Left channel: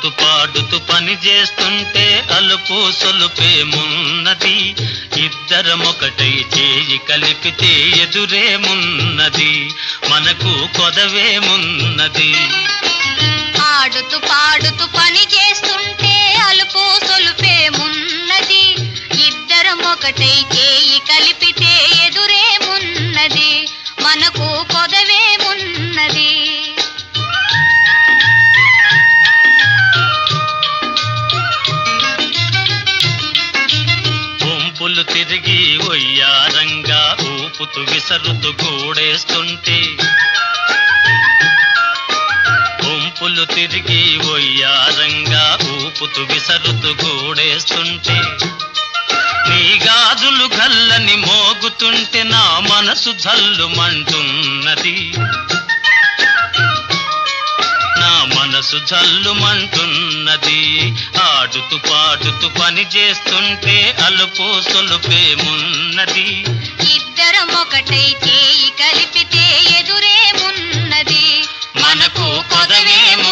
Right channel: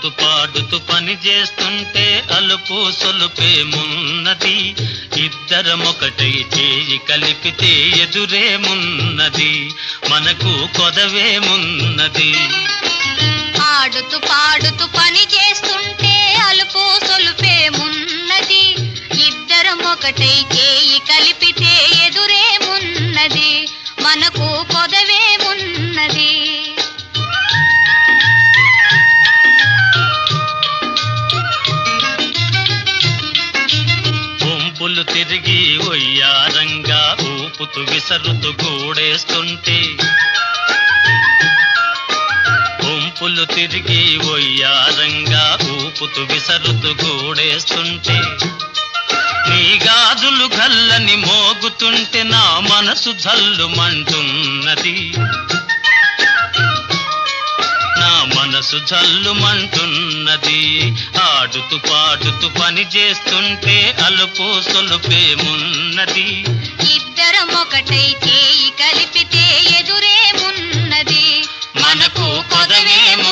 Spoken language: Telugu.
ఆడుతూ పాడుతూ పని చేస్తుంటే అలుపు సొలుపేమున్నది, ఇద్దరమొకటై చేయి కలిపితే ఎదురేమున్నది, మనకు కొదవేమున్నది. ఆడుతూ పాడుతూ పని చేస్తుంటే అలుపు సొలుపేమున్నది, ఇద్దరమొకటై చేయి కలిపితే ఎదురేమున్నది, మనకు కొదవేమున్నది. గుంపులు తిరిగి ఒయ్యారంగా ఊపుతూ విసరుతూ గూడేస్తుంటే, గుంపులు తిరిగి ఒయ్యారంగా ఊపుతూ విసరుతూ గూడేస్తుంటే, నీ గాజులు గల్లని మోగుతుంటే నా మనసు జల్లుమంటున్నది, నా మనసు జల్లుమంటున్నది. ఆడుతూ పాడుతూ పని చేస్తుంటే అలుపు సొలుపేమున్నది, ఇద్దరమొకటై చేయి కలిపితే ఎదురేమున్నది, మనకు కొదవేమున్నది.